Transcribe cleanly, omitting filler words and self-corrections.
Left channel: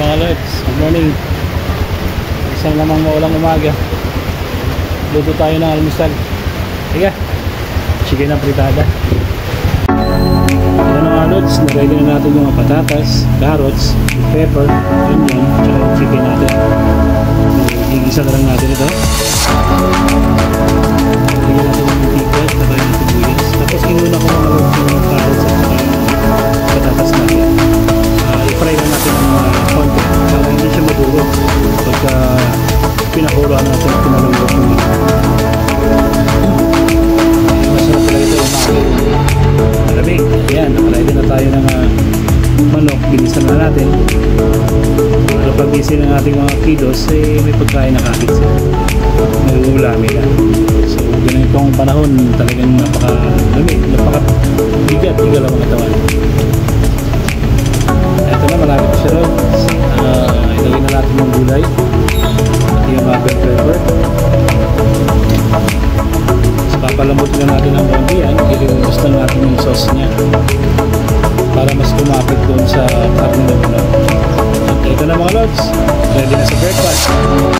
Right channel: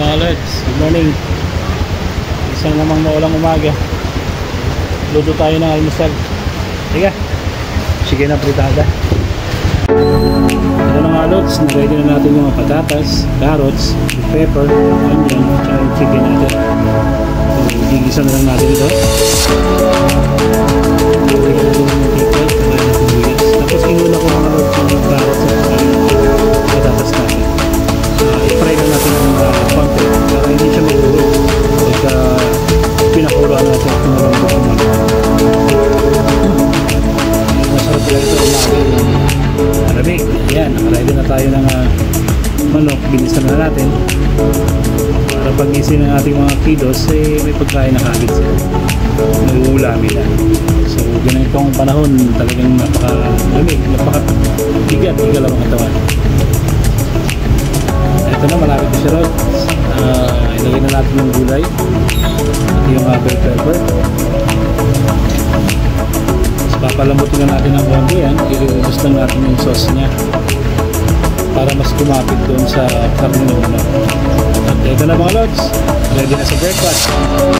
mga lods, good morning. Isang namang maulang umaga. Luto tayo ng almusal. Sige, sige na pritada. Ito na mga lods, na-ready na natin yung patatas, carrots, pepper, onion, tsaka yung chicken natin. So, gigisa na lang natin ito. Lagyan natin yung mantika, tsaka yung sibuyas. Tapos inuna ko mga lods yung carrots at tsaka yung patatas natin. I-fry lang natin ng konti para hindi siya madurog pagka pinakuloan natin at pinalambot yung manok. Masarap talaga ito umaga yung malamig. Ayan, nakaready na tayo ng manok. Binisan na natin para pag-isin ng ating mga kiddos may pagkain na kagad siya, may uulamin na. So ganitong panahon talagang napakalamig, napakabigat, higal ang katawan. Ito na, malapit na siya, Rod. Ilagay na natin yung gulay at yung bell pepper. So, papalambutin na natin ng konti yan. I-reduce lang natin yung sauce nya para mas kumapit doon sa karne ng manok. At ito na mga lods, ready na sa breakfast.